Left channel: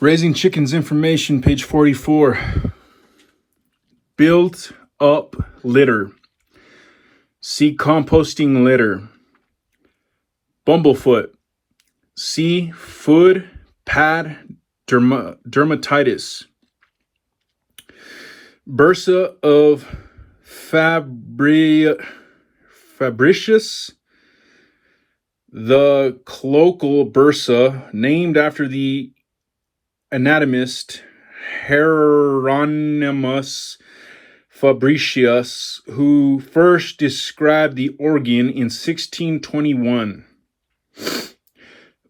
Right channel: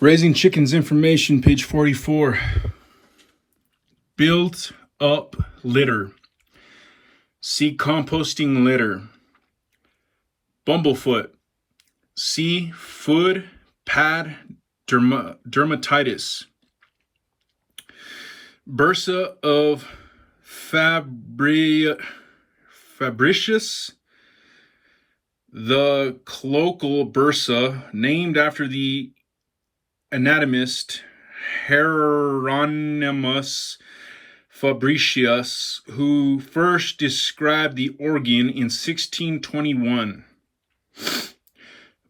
Raising chickens information, page 44. Built up litter. See composting litter. Bumblefoot. See foot pad dermatitis. Bursa of Fabricius. The colloquial bursa, named after the anatomist Hieronymus Fabricius, who first described the organ in 1621.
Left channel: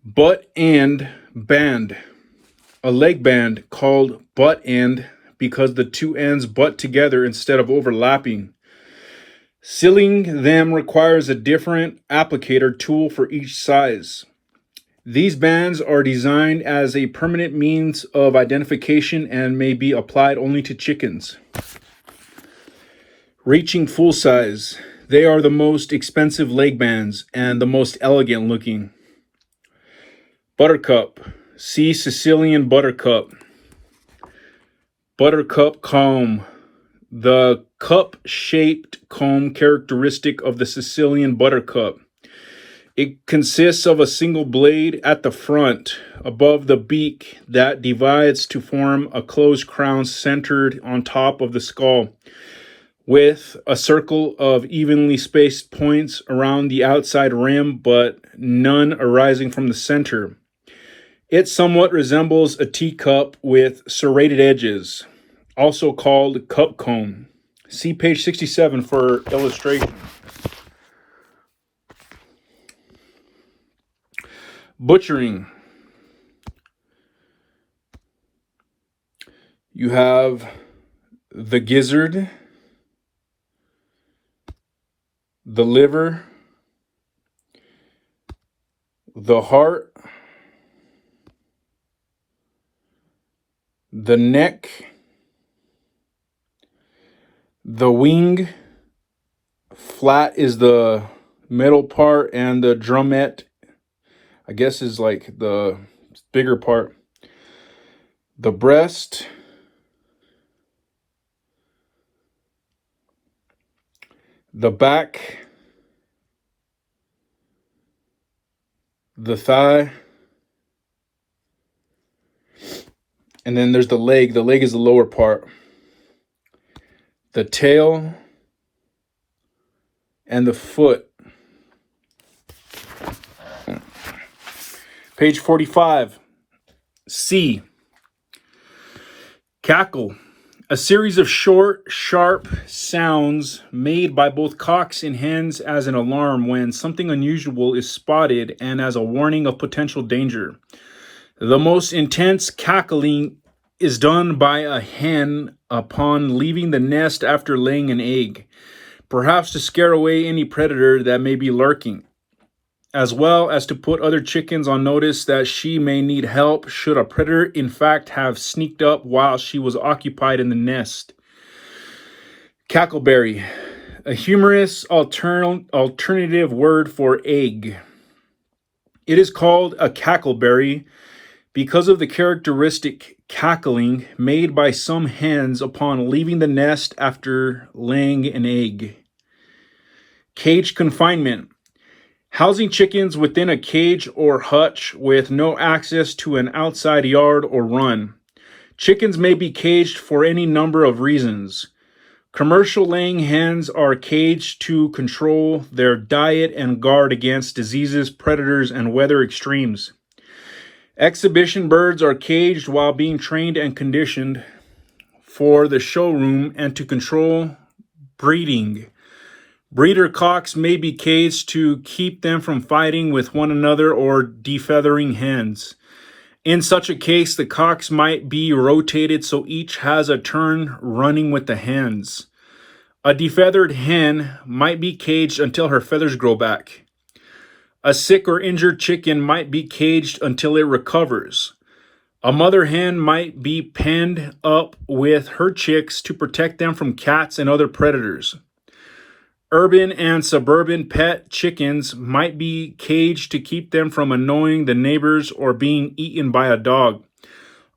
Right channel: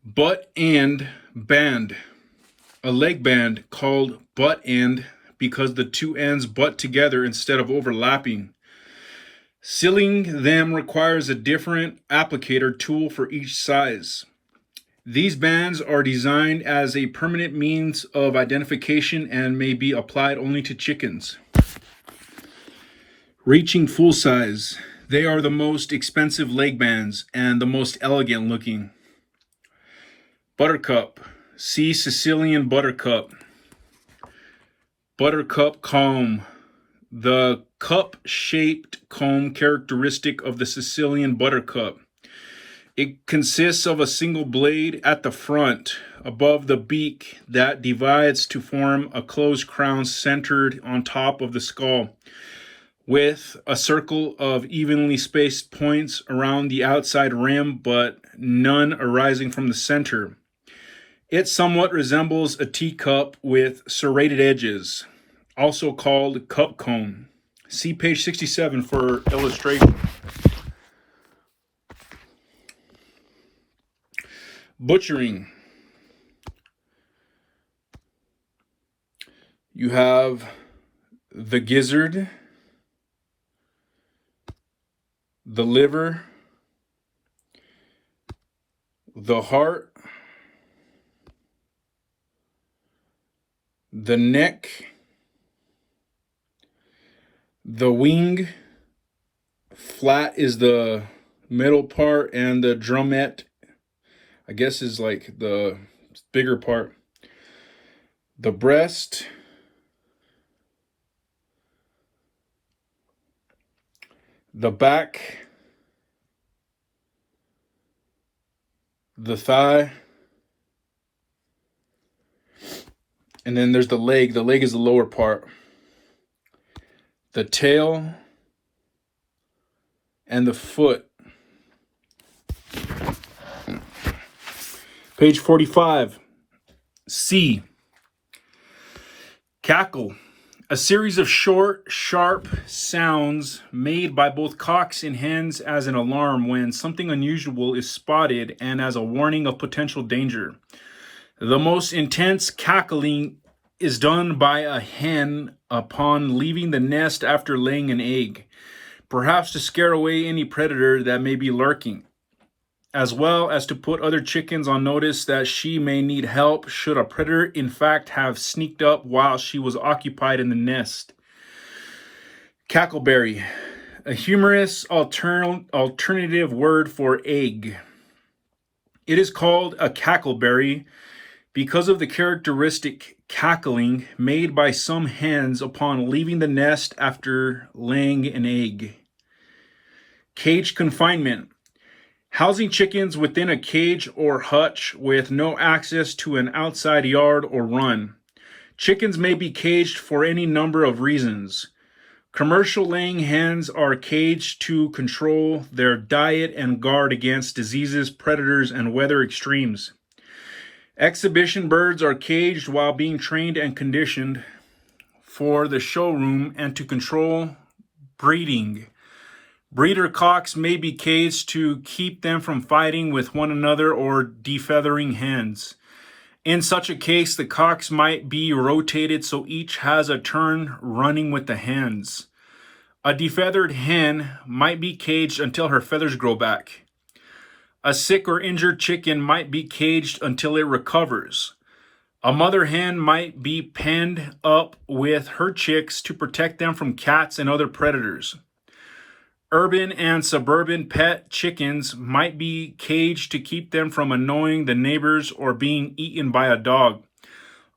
Butt and band. A leg band called butt end because the two ends butt together instead of overlapping. Sealing them requires a different applicator tool for each size. These bands are designed as a permanent means of identification and may be applied only to chickens. Reaching full size. They are the most expensive leg bands and the most elegant looking. Buttercup. See Sicilian buttercup. Buttercup comb. The cup-shaped comb characteristic of the Sicilian buttercup. It consists of a single blade at the front, above the beak, that divides to form a closed crown centered on top of the skull, with a circle of evenly spaced points around the outside rim, but none arising from the center. It somewhat resembles a teacup with serrated edges, also called cup cone. See page 67 for illustration. Butchering. You have the gizzard, the liver, the heart, the neck, the wing. Flat is the middle part, and the drumette, I guess, is like the bigger part. The breast, the back, the thigh, and then there's the leg. The leg is the lower part. The tail and the foot. Page 45. C. Cackle. A series of short, sharp sounds made by both cocks and hens as an alarm when something unusual is spotted and as a warning of potential danger. The most intense cackling is done by a hen upon leaving the nest after laying an egg, perhaps to scare away any predator that may be lurking, as well as to put other chickens on notice that she may need help should a predator in fact have sneaked up while she was occupied in the nest. Cackleberry, a humorous alternative word for egg. It is called a cackleberry because of the characteristic cackling made by some hens upon leaving the nest after laying an egg. Cage confinement. Housing chickens within a cage or hutch with no access to an outside yard or run. Chickens may be caged for any number of reasons. Commercial laying hens are caged to control their diet and guard against diseases, predators, and weather extremes. Exhibition birds are caged while being trained and conditioned for the showroom and to control breeding. Breeder cocks may be caged to keep them from fighting with one another or defeathering hens. In such a case, the cocks might be rotated so each has a turn running with the hens. A defeathered hen might be caged until her feathers grow back. A sick or injured chicken might be caged until it recovers. A mother hen might be penned up with her chicks to protect them from cats and other predators. Urban and suburban pet chickens might be caged to keep them from annoying the neighbors or being eaten by a dog.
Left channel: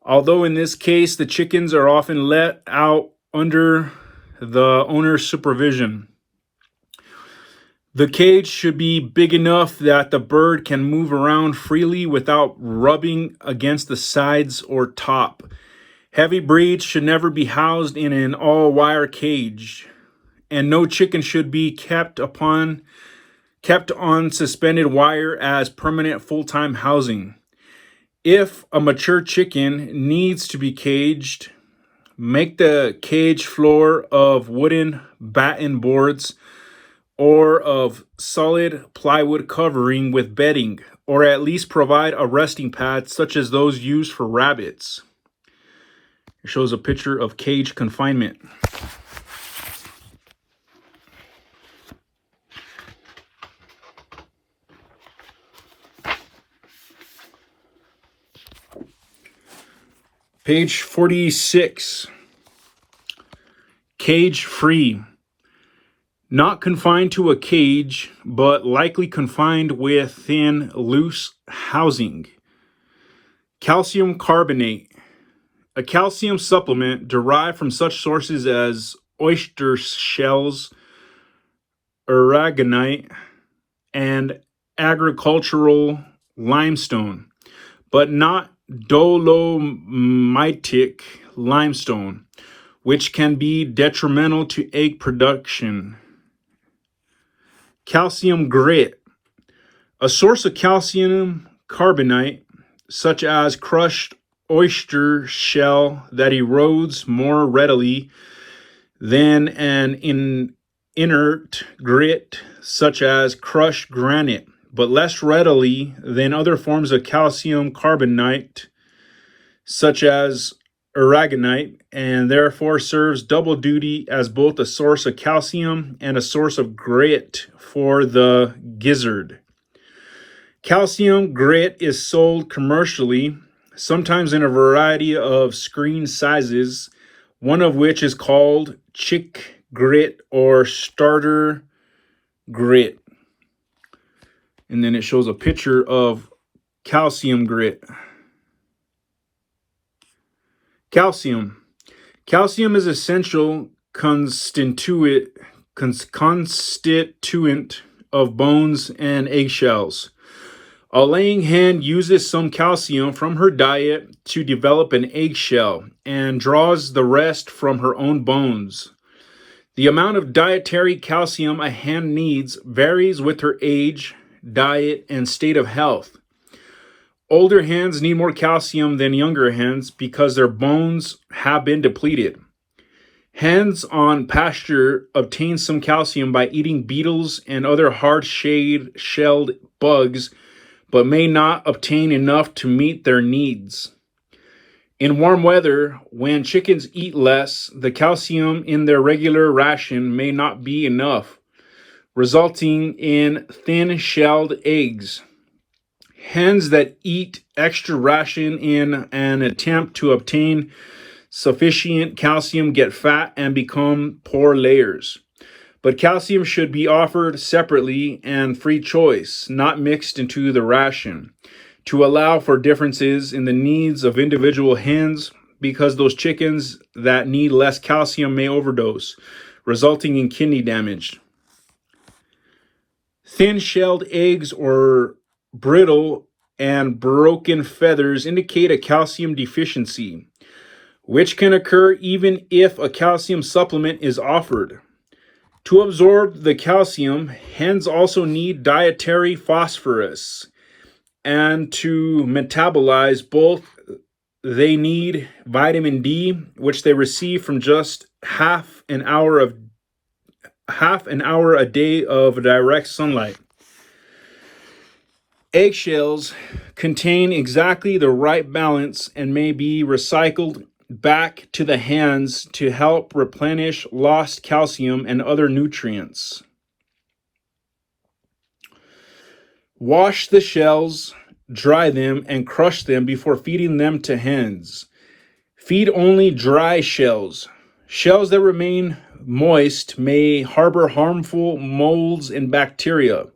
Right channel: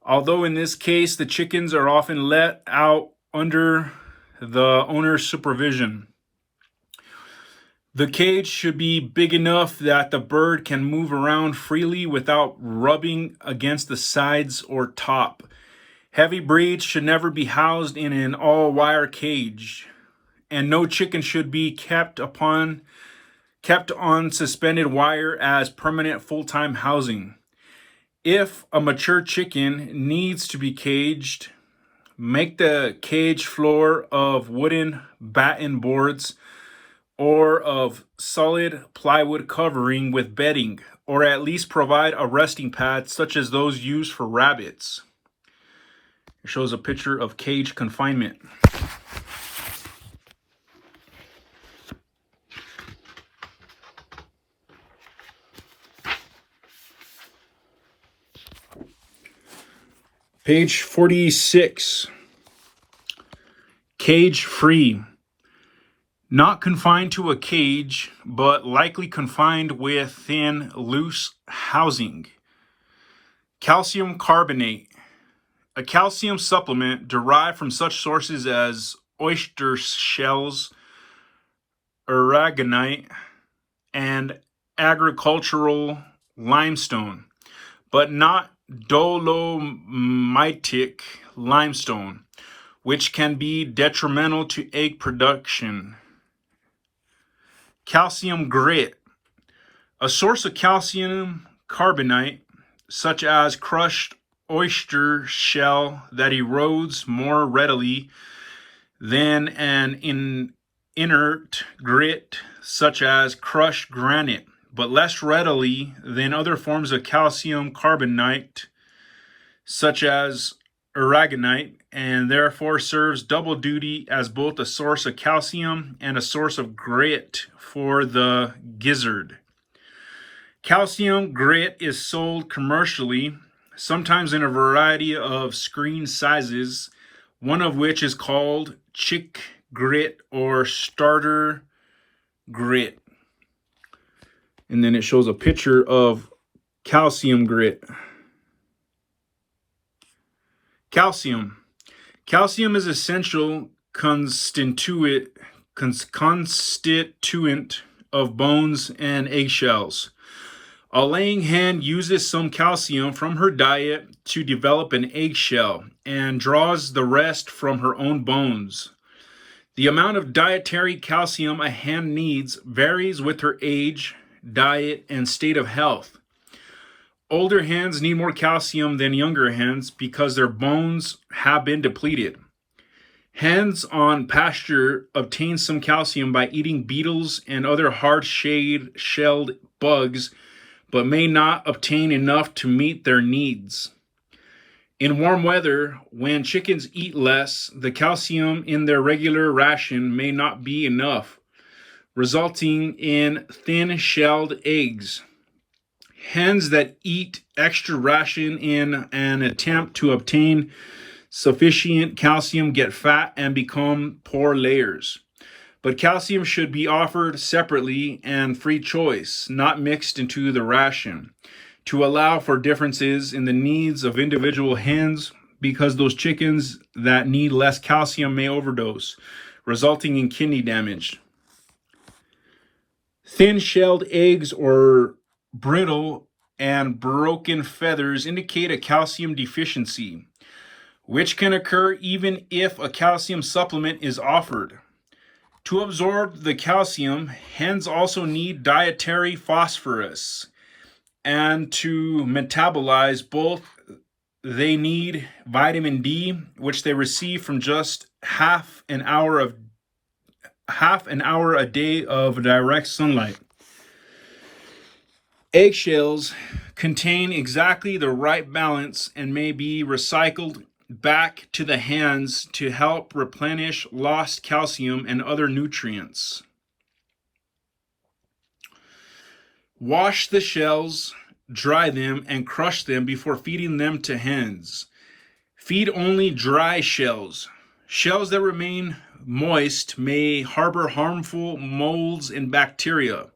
although in this case the chickens are often let out under the owner's supervision. The cage should be big enough that the bird can move around freely without rubbing against the sides or top. Heavy breeds should never be housed in an all-wire cage, and no chicken should be kept on suspended wire as permanent full-time housing. If a mature chicken needs to be caged, make the cage floor of wooden batten boards or of solid plywood covering with bedding, or at least provide a resting pad such as those used for rabbits. It shows a picture of cage confinement. Page 46. Cage free. Not confined to a cage, but likely confined within loose housing. Calcium carbonate. A calcium supplement derived from such sources as oyster shells, aragonite, and agricultural limestone, but not dolomitic limestone, which can be detrimental to egg production. Calcium grit. A source of calcium carbonate, such as crushed oyster shell that erodes more readily than an inert grit, such as crushed granite, but less readily than other forms of calcium carbonate, such as aragonite, and therefore serves double duty as both a source of calcium and a source of grit for the gizzard. Calcium grit is sold commercially, sometimes in a variety of screen sizes, one of which is called chick grit or starter grit. And then it shows a picture of calcium grit. Calcium. Calcium is essential constituent of bones and eggshells. A laying hen uses some calcium from her diet to develop an eggshell and draws the rest from her own bones. The amount of dietary calcium a hen needs varies with her age, diet, and state of health. Older hens need more calcium than younger hens because their bones have been depleted. Hens on pasture obtain some calcium by eating beetles and other hard-shelled bugs, but may not obtain enough to meet their needs. In warm weather, when chickens eat less, the calcium in their regular ration may not be enough, resulting in thin-shelled eggs. Hens that eat extra ration in an attempt to obtain sufficient calcium get fat and become poor layers. But calcium should be offered separately and free choice, not mixed into the ration, to allow for differences in the needs of individual hens, because those chickens that need less calcium may overdose, resulting in kidney damage. Thin-shelled eggs or brittle and broken feathers indicate a calcium deficiency, which can occur even if a calcium supplement is offered. To absorb the calcium, hens also need dietary phosphorus, and to metabolize both, they need vitamin D, which they receive from just half an hour a day of direct sunlight. Eggshells contain exactly the right balance and may be recycled back to the hens to help replenish lost calcium and other nutrients. Wash the shells, dry them, and crush them before feeding them to hens. Feed only dry shells. Shells that remain moist may harbor harmful molds and bacteria.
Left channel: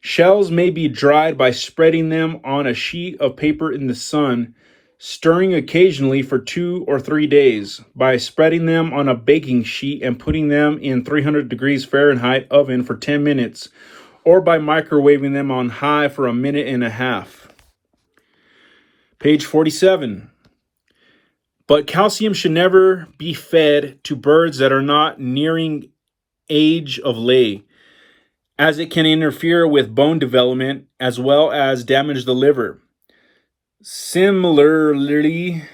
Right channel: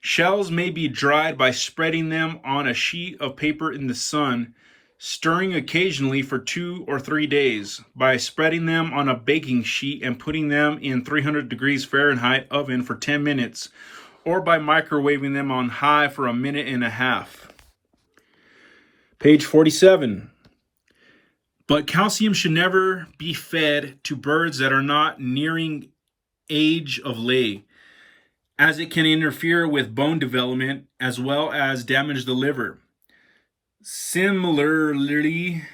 Shells may be dried by spreading them on a sheet of paper in the sun stirring occasionally for 2 or 3 days by spreading them on a baking sheet and putting them in 300 degrees Fahrenheit oven for 10 minutes, or by microwaving them on high for a minute and a half. Page 47. But calcium should never be fed to birds that are not nearing age of lay, as it can interfere with bone development as well as damage the liver. Similarly,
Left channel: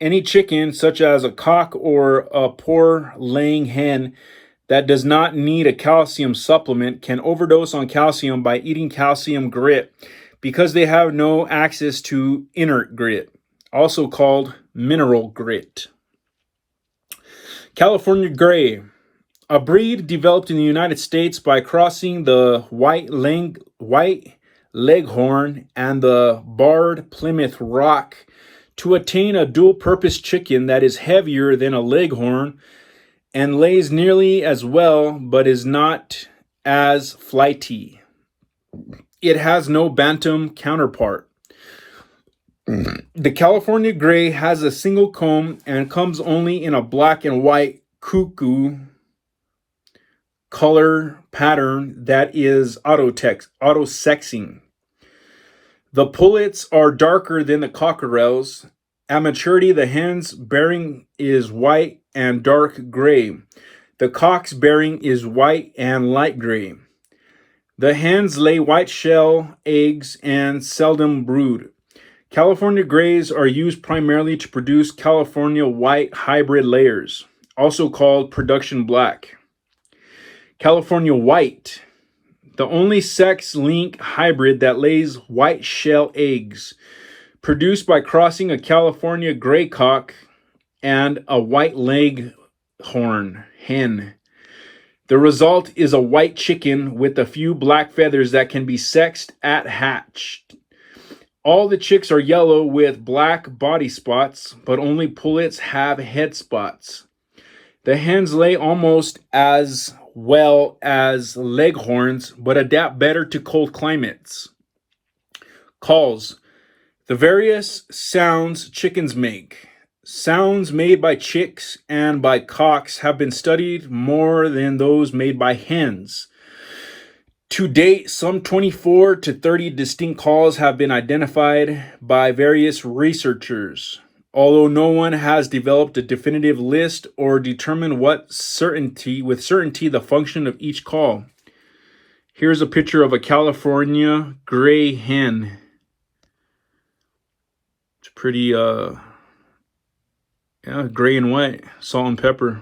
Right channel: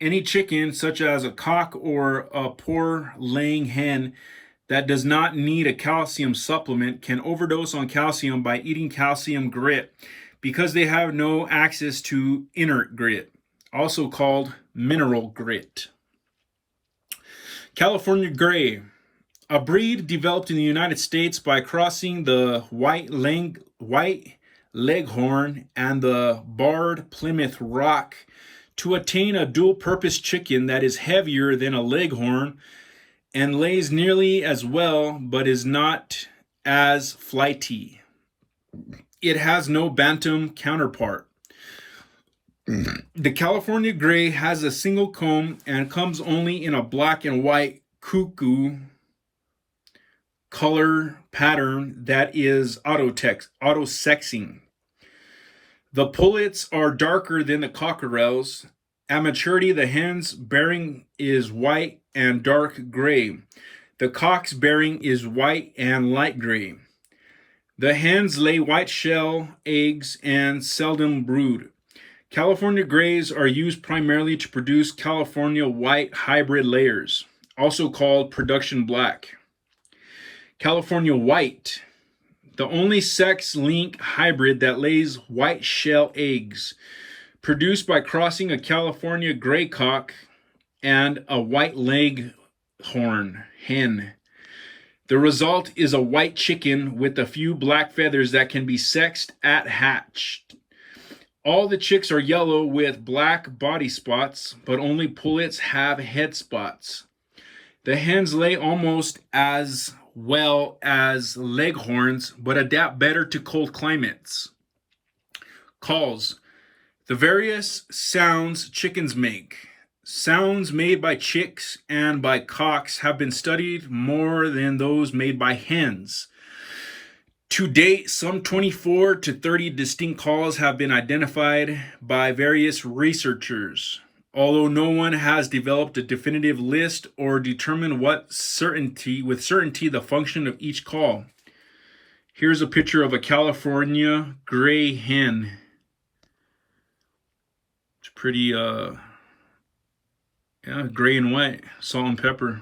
any chicken, such as a cock or a poor laying hen, that does not need a calcium supplement can overdose on calcium by eating calcium grit because they have no access to inert grit, also called mineral grit. California Gray, a breed developed in the United States by crossing the white leghorn and the barred Plymouth Rock to attain a dual-purpose chicken that is heavier than a leghorn and lays nearly as well but is not as flighty. It has no bantam counterpart. The California Gray has a single comb and comes only in a black and white cuckoo color pattern that is auto-sexing. The pullets are darker than the cockerels. At maturity, the hen's bearing is white and dark gray. The cock's bearing is white and light gray. The hens lay white shell eggs and seldom brood. California Grays are used primarily to produce California white hybrid layers, also called production black. California White, the only sex-linked hybrid that lays white shell eggs, produced by crossing a California gray cock and a white leghorn hen. The result is a white chicken with a few black feathers that can be sexed at hatch. All the chicks are yellow with black body spots, but only pullets have head spots. The hens lay almost as well as leghorns, but adapt better to cold climates. Calls. The various sounds chickens make. Sounds made by chicks and by cocks have been studied more than those made by hens. To date, some 24 to 30 distinct calls have been identified by various researchers, although no one has developed a definitive list or determined with certainty the function of each call. Here's a picture of a California Gray Hen. It's pretty gray and white, salt and pepper.